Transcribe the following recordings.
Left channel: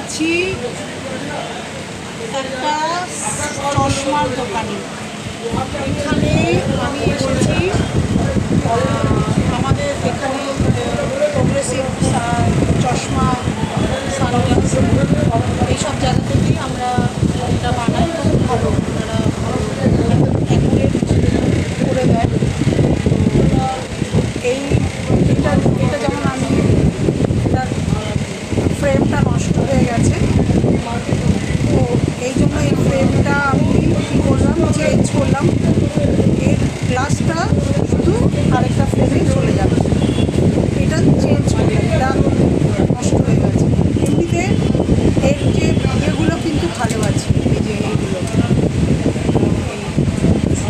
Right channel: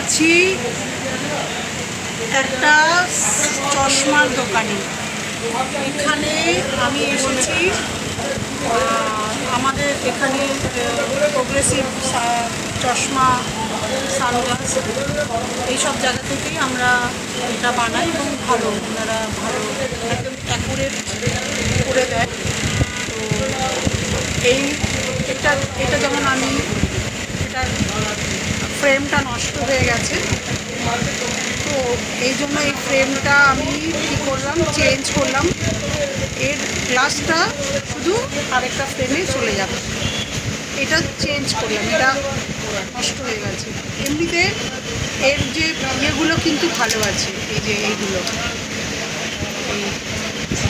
আছি একটা চশমার দোকানে। এখানে আমি এসেছি আমাদের এখানে প্রোগ্রেসিভ চশমা, সানগ্লাস এইসব জায়গা থেকেই আমরা এটা বানাই এবং ভালো, ওনারা ভালো একদম অ্যাকুরেট করে দেয়। তো এটা যেমন আমি এটার ফ্রেমটা নষ্ট হয়ে গেছে, তো এই জন্য এই ফ্রেমটা আমি কী করলাম, চেঞ্জ করলাম। এর গ্লাসটা শুধু আরেকটা ফ্রেমে চলে যাবে, এটা চেঞ্জ করলাম, এটা নষ্ট হয়ে গেছে। এমনিতে এর যে ইয়েগুলো কিন্তু ভালো আছে, এই যে এইগুলো, এই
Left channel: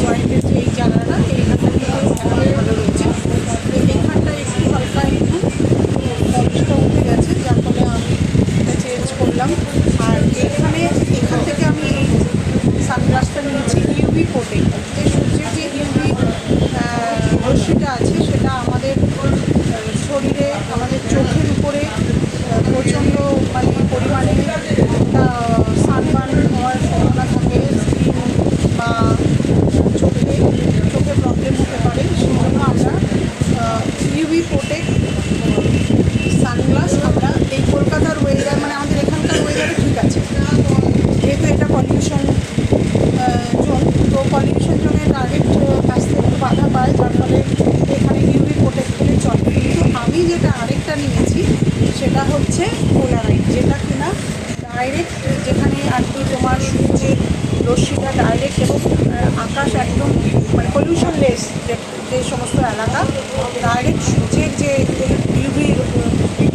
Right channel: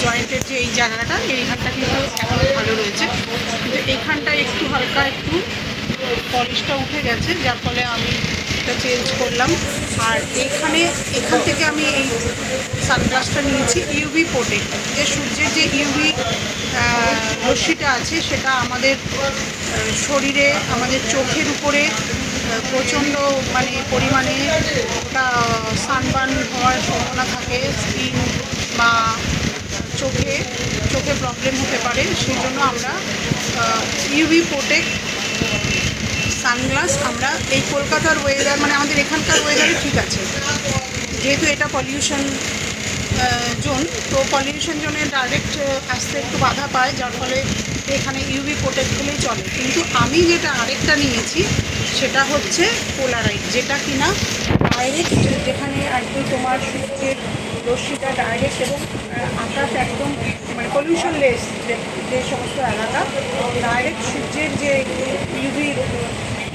জয়েন্টের যে এই জায়গাটা, এইখানটা কিন্তু এখন ভালো রয়েছে, কিন্তু এইখানটা একটু হালকা একটু পলিশটা উঠে গেছে, যার ফলে আমি এটা চেঞ্জ করলাম। আর এখান থেকে আমি এই সানগ্লাসটা নিয়েছি ইউভি প্রোটেক্ট। যে সূর্যের যে ইউভি রশ্মিটা আছে সেটা আমাদের শরীরে, আমাদের চোখের উপরে প্রচণ্ড পরিমাণে সানবার্ন হওয়ার সম্ভাবনা থাকে। স্কিন বা চোখে প্রবলেম হতে পারে, সেই জন্য আমরা ইউভি প্রোটেক্ট সানগ্লাস আমরা এই কলকাতার ওয়েদার, আমাদের এখানকার ওয়েদারে ঠিক আছে, যেহেতু এটা পলিউশন জোন, তো পলিউশন জোনে ডাইরেক্ট আসতে একটু বাধা পায়, যার ফলে এখানে ইউভি প্রোটেক্ট হলেই চলে। কিন্তু আমি যেটা আরেকটা নিয়েছি সেটা হচ্ছে পোলারাইট, যেটা কিনা ডাইরেক্ট, যেখানে আর কি তোমার সূর্যের রশ্মিটা ডাইরেক্ট এবং আকাশ একদম পলিউশন লেস যে সমস্ত এলাকা, ডাইরেক্ট সূর্যের যে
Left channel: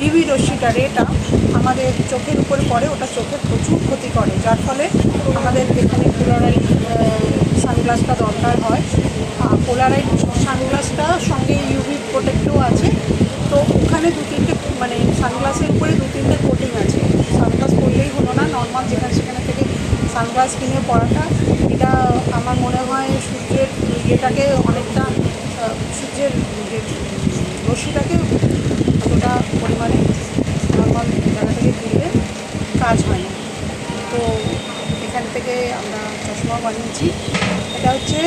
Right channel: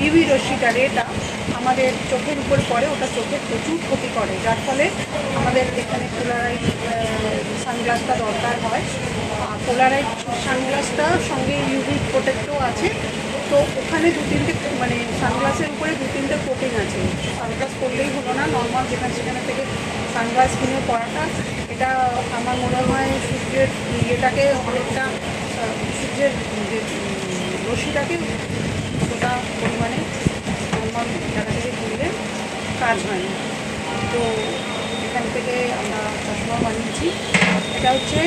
ইউভি রশ্মিটা, রেটা আমাদের চোখের উপর পড়ে, ওটা চোখের প্রচুর ক্ষতি করে, যার ফলে আমাদের এখানে পোলারাইট সানগ্লাসটা দরকার হয়। পোলারাইট সানগ্লাসটা সঙ্গে ইউভি প্রোটেক্টও আছে, তো ওখানে দু-তিনটে সানগ্লাসের উপরে দু-তিনটে কোটিং আছে। সানগ্লাস পরলেই হলো না, নর্মাল সেখানে থেকে সানগ্লাস কিনে পরাটা, এটা আমার মনে হয় সূর্যের ইয়েটাকে অনেকটা, সূর্যের যে রশ্মিটাকে অতটা পরিমাণে নর্মাল জায়গা থেকে কিনলে কাজ হয় না। তো এখান থেকে আমরা চশমা বানিয়েছি। এটা হচ্ছে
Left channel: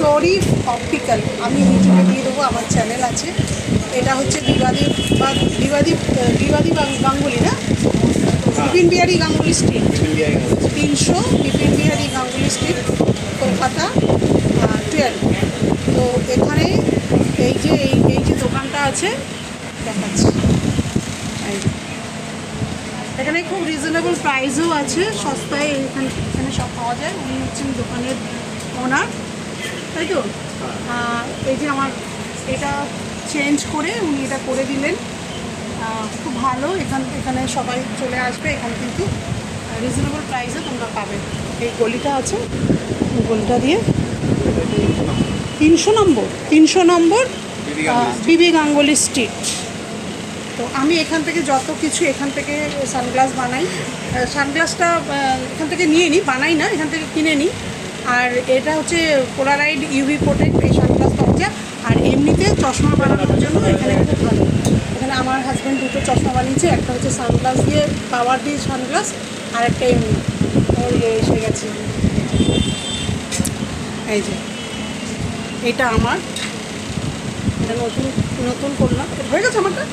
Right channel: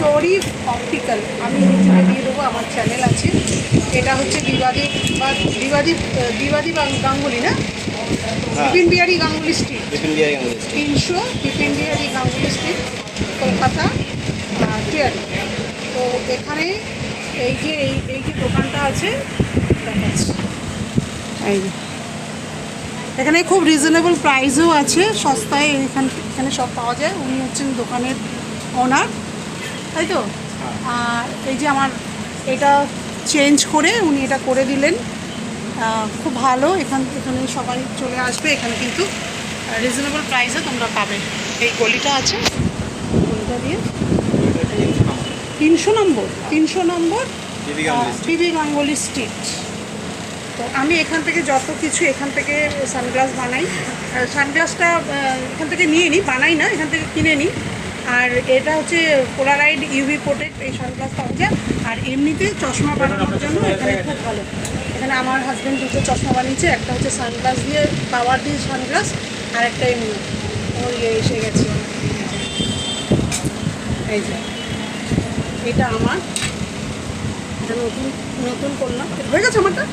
শরীফ অপটিক্যাল, আমি ইউটিউবে দিয়ে দেবো, আমার চ্যানেল আছে। এটা হচ্ছে বিবাদী গাঙ্গুলি, না বিপিন বিহারী গাঙ্গুলি স্ট্রিট, 300 বিপিন বিহারী গাঙ্গুলি স্ট্রিট, কলকাতা 12। তো এখানে এই যে দোকানটা আছে দেখাচ্ছি, এখানে খুব রিজনেবল প্রাইসও আছে, সস্তায় এখানে সব পাওয়া যায়। উনি হচ্ছেন দোকানের ওনার, তাই তো? এই যে আমার এটা চেঞ্জ করে উনি এটা করে দিলেন, খুব ভালো। এখানে সবাই চলে আসবে, এখানে কিন্তু রিজনেবল প্রাইসে তোমরা পাবে। এই গলিটা আছে, গলিটা দিয়ে 300 নম্বর বিবি গাঙ্গুলি স্ট্রিট। তো আমি এখান থেকে যত কিছু, এখান থেকে সানগ্লাস বানাই। সানগ্লাসটা এখান থেকে নিয়ে নিই, বানাই না, এখান থেকে কিনে নিই। আর এটা হচ্ছে পোলারাইড ইউভি প্রোটেক্ট, এই সানগ্লাস পাওয়া যায়। আর এমনিতে চশমা বানানোর জন্য এখানে খুব ভালো। এখানে আমার হাজব্যান্ড দুটো চশমা বানিয়েছে, একটা হচ্ছে সানগ্লাস দিয়ে, পাওয়ার দিয়ে সানগ্লাস, আর একটা এমনি। ওর এসে গেছে, এই যে এটা আমার, এটা নতুন করলাম, হয়ে গেছে আমারটা।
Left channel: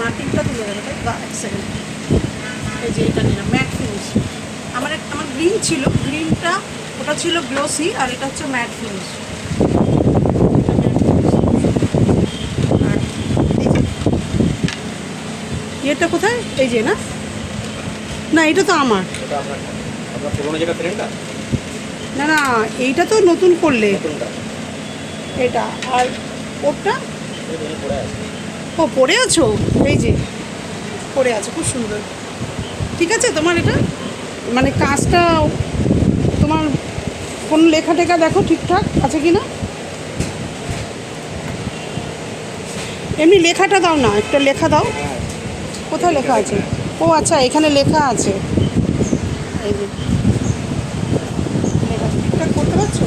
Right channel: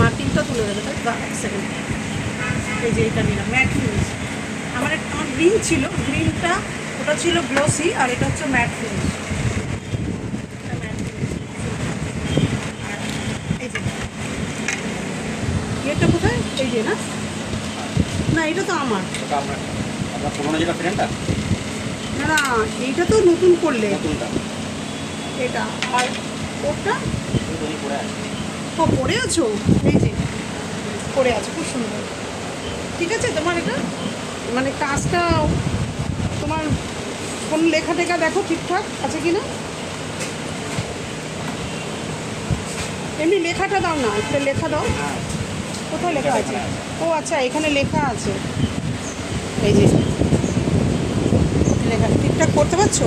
মার্কিংটা তুলে দেবে, তাই? এক সেকেন্ড, এই যে এটা নিলাম ম্যাট ফিনিশ। আমার গ্রিন ছিল, গ্রিনটা ওটা ছিল গ্লসি, আর এটা হচ্ছে ম্যাট ফিনিশ। এটা ম্যাট ফিনিশ। আর এটা কোথায়? এই যে, না এটা তো আমার না, এইটা তো নতুন করলে এটা। আর ওটা পরে আছো, এই যে পরে আছে, খুব সুন্দর। ঠিক আছে তোমার এটা, কাজটা তোমার কোন লেখা টেখা দেখো ঠিকঠাক আছে কি না। এমনি লেখাটা দাও না, একটা লেখা দাও। কোথায় লেখা আছে? ও আচ্ছা, এখানে লেখা আছে, এই যে লেখা ঠিকঠাক করতে পারছো?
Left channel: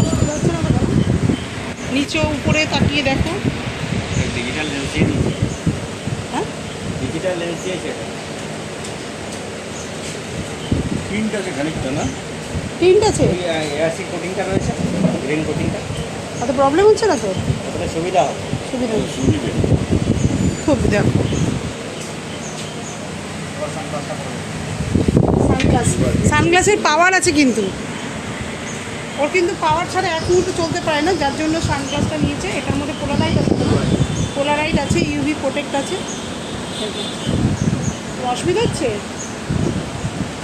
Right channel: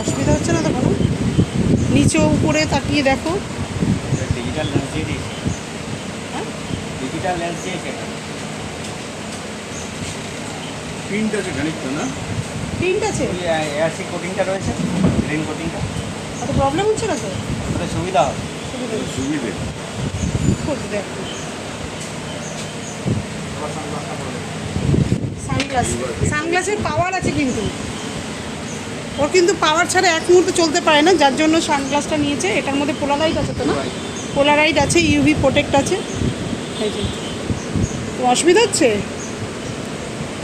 অসুবিধা হচ্ছে না? দেখো নিচে উপরে তাকিয়ে দেখো। যা লেন্স দিয়েছে প্রিন্ট আছে খানিকটা না, প্রিন্ট আছে, ওই অ্যাসিড কোটিংটা রয়েছে, গ্রিন কোটিংটা, এত প্রবলেম হচ্ছে না তো? ওটা সুবিধা হবে। সুবিধা হচ্ছে। সুবিধে খুব দেখো সানগ্লাস, সানগ্লাসের পাওয়ার আছে কিন্তু, ওর কিন্তু পাওয়ার ছাড়া এক মুহূর্তে চলতে পারে না, যার জন্য সানগ্লাসটা নিয়েছে। এটার মধ্যে পোলারাইট আছে তো না? পোলারাইট আছে, ইউভি প্রোটেক্ট আছে। এই যে। তো অসুবিধা হচ্ছে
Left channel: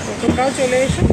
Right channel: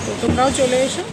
তো তোমরাও চলে এসো।